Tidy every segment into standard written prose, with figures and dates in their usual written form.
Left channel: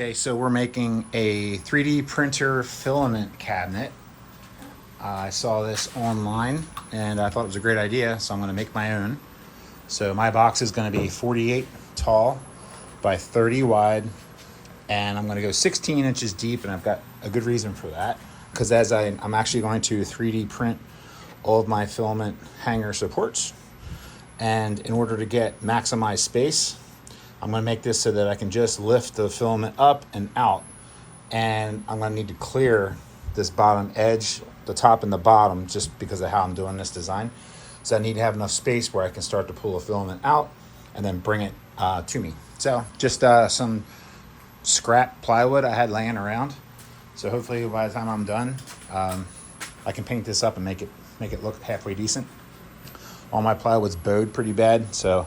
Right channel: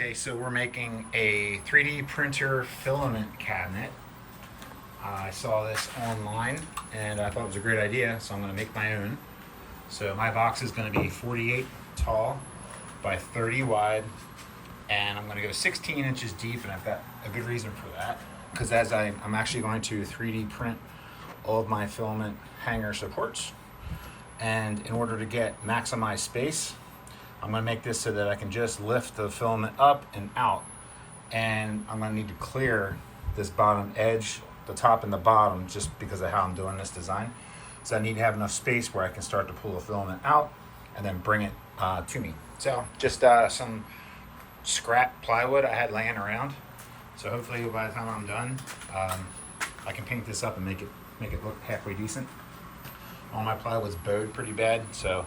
Okay, so we're making a 3D printer filament cabinet. I saw this online and I thought it was a great idea, so I'm going to make my own. So my box is going to be 48 tall by 30 wide, and I'm going to go 16 inches deep, and I've got a good reason for that, because as I'm actually going to 3D print all of my filament hanger supports, and in order to get maximized space, I'm going to make this so that I can just lift the filament up and out, and I'm going to need to clear this bottom edge, the top and the bottom, just because of how I'm doing this design. So I need to have enough space where I can start to pull the filament out and then bring it to me. So just some scrap plywood I had laying around. So hopefully by the time I'm done, I can paint this up and make it look halfway decent. All my plywood's bowed pretty bad, so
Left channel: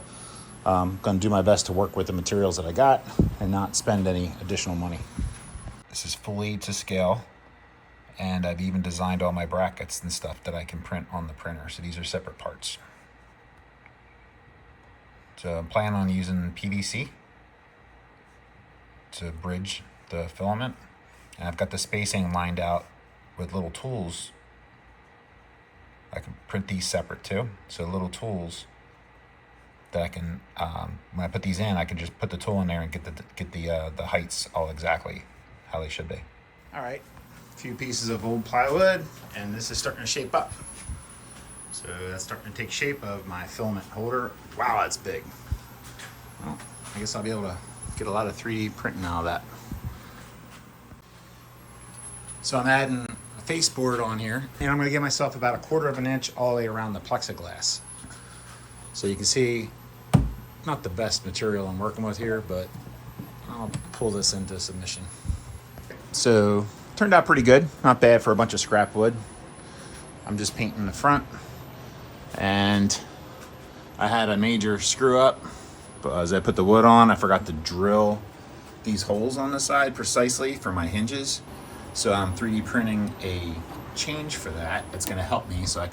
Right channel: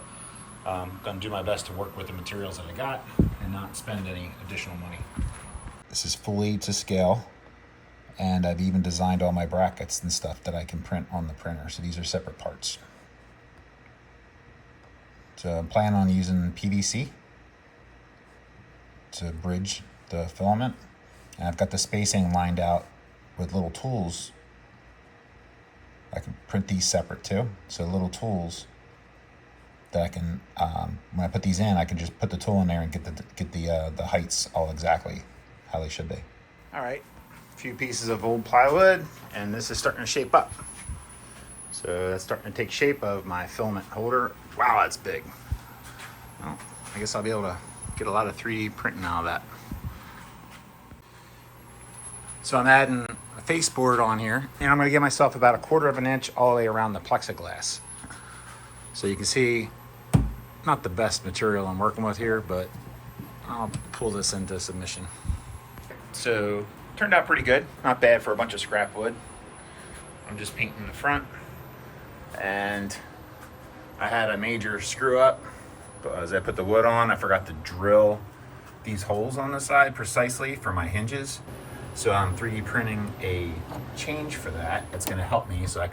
I'm going to do my best to work with the materials that I got and not spend any additional money. This is fully to scale, and I've even designed all my brackets and stuff that I can print on the printer. So these are separate parts. So I'm planning on using PVC to bridge the filament, and I've got the spacing lined out with little tools. I can print these separate too, so little tools that I can, when I put these in, I can just put the tool in there and get the heights all exactly how they should be. All right, a few pieces of old plywood, and this is starting to shape up. So that's starting to take shape of my filament holder. Wow, that's big. Well, I guess I'll be able to get a lot of 3D printing out of that. So I'm adding a faceboard on here, and I'm going to give myself about 1/4 of an inch all the way around the plexiglass. So you can see, not the best material I'm working with here, but I'll pull this into submission. So turned out pretty good, not bad for a bunch of scrap wood. I'm just painting the front, and I had a major screw up. But as I put the wood on, I forgot to drill these holes on the side precisely for my hinges. So I'm 3D printing a change for that. That's going to help me, so I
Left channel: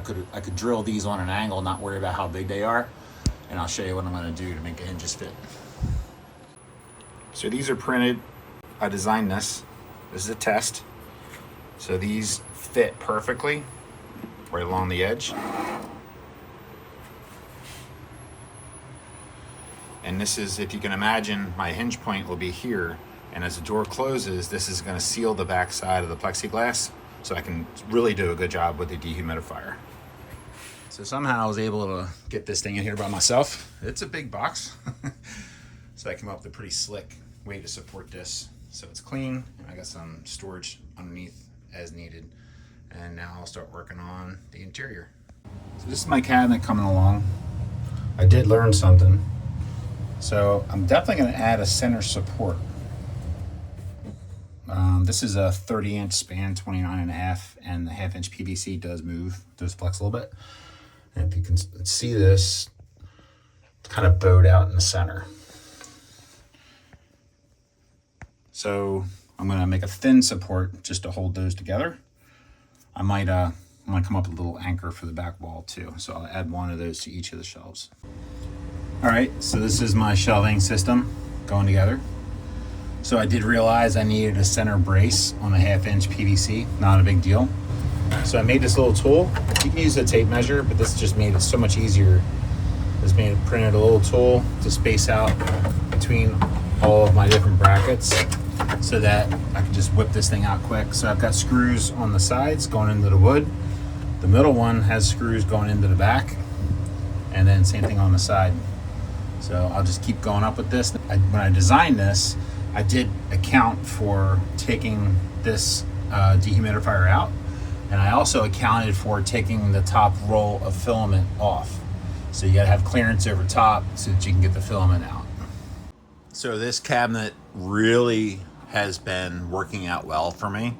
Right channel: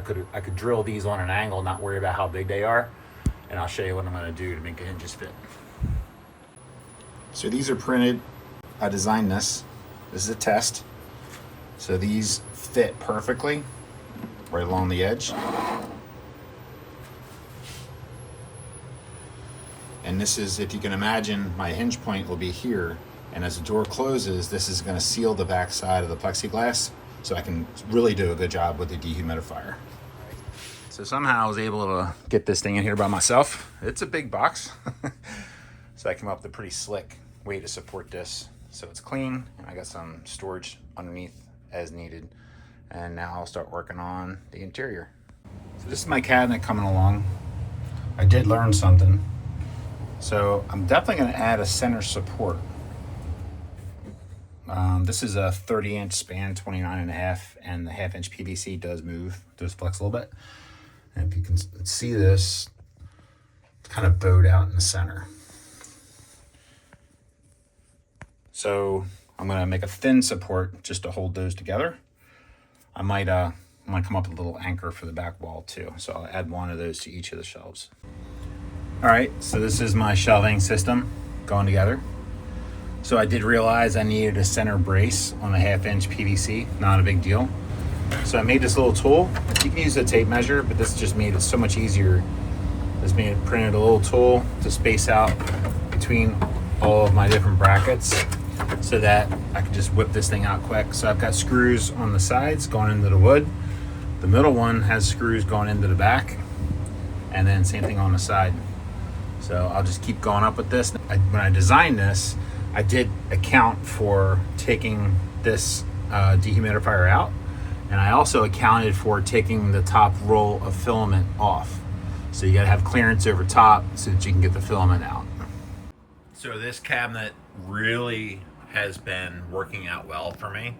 could drill these on an angle, not worry about how big they are. And I'll show you what I'm going to do to make the hinges fit. So these are printed. I designed this. This is a test. So these fit perfectly right along the edge. And this is, if you can imagine, my hinge point will be here. And as the door closes, this is going to seal the back side of the plexiglass, so I can really do a good job with the dehumidifier. So somehow I was able to get this thing in here by myself. It's a big box. So I came up with a pretty slick way to support this. So it's clean, and I got some storage underneath as needed. And now I'll start working on the interior. So this is my cabinet coming along. I did learn something. So I'm definitely going to add a center support. This is a 30-inch span, 29.5, and the 1/2-inch PVC does flex a little bit. And if you can see this, it's kind of bowed out in the center. So I'm going to make a thin support just to hold those together. I might come up with a little anchor for the back wall too. So I'll add one of those to each of the shelves. All right, so this is my shelving system going together. So I did realize I needed a center brace on a 1/2-inch PVC, not a big deal. So I made this little tool. You can use a tape measure, but this just made it so much easier. This printed a little tool to space out between all of my different brackets so that I can just whip this thing out quick. So I've got screws on the sides going into the wood. The middle one has screws going into the back, and then same thing on the side. So I'll just keep going up with this. When I designed this, I did account for taking this dehumidifier out, and I also accounted for taking the top roll of filament off. So you gotta have clearance over top so that you can get the filament out. So this cabinet really has been working out well for me.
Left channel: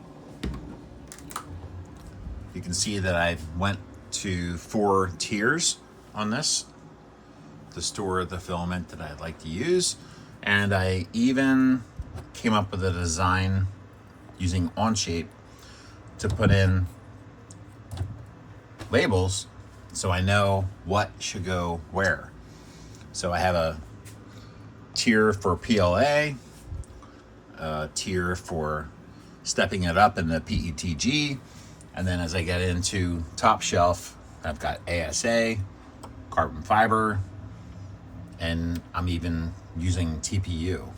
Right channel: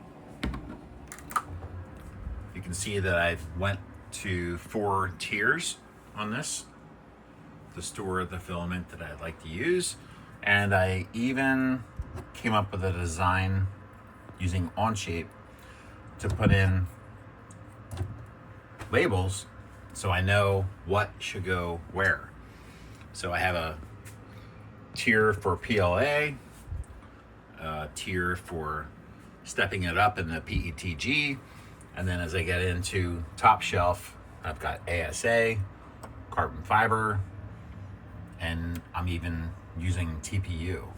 You can see that I went to 4 tiers on this to store the filament that I'd like to use. And I even came up with a design using Onshape to put in labels so I know what should go where. So I have a tier for PLA, a tier for stepping it up in the PETG. And then as I get into top shelf, I've got ASA, carbon fiber, and I'm even using TPU.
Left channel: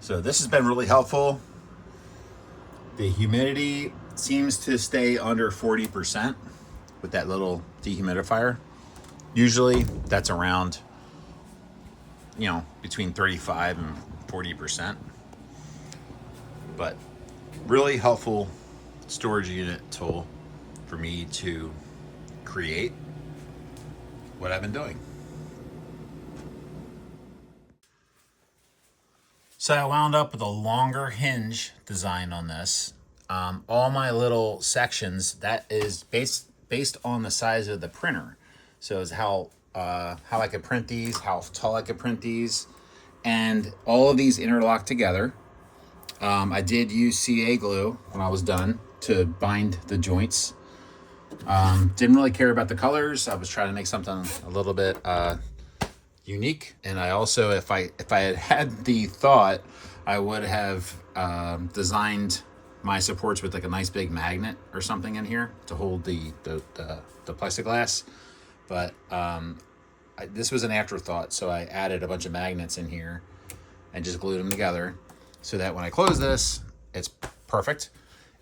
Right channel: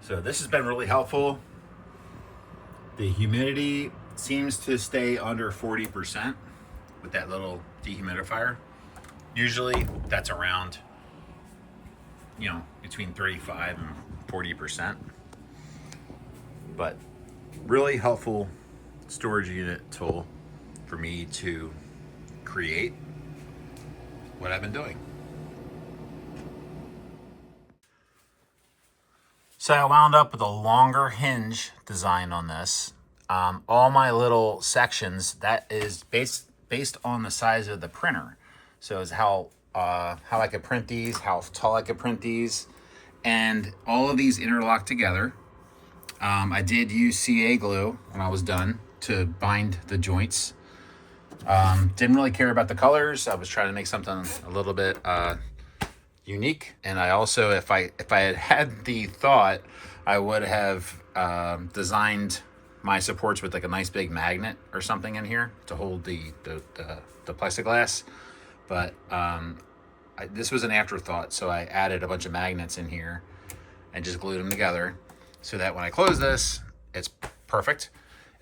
So this has been really helpful. The humidity seems to stay under 40% with that little dehumidifier. Usually that's around, between 35 and 40%. But really helpful storage unit tool for me to create what I've been doing. So I wound up with a longer hinge design on this. All my little sections, that is based on the size of the printer. So it's how I could print these, how tall I could print these, and all of these interlock together. I did use CA glue when I was done to bind the joints. Didn't really care about the colors. I was trying to make something a little bit unique. And I also, if I had the thought, I would have designed my supports with like a nice big magnet or something in here to hold the plexiglass. But this was an afterthought, so I added a bunch of magnets in here and just glued them together so that when I close this, it's perfect.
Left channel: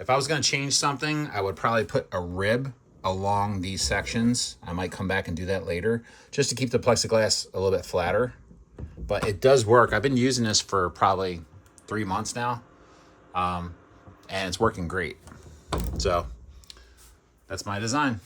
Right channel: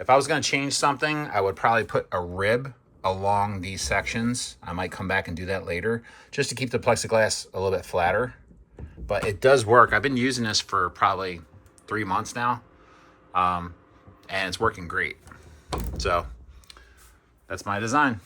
If I was going to change something, I would probably put a rib along these sections. I might come back and do that later just to keep the plexiglass a little bit flatter. But it does work. I've been using this for probably 3 months now, and it's working great. So that's my design.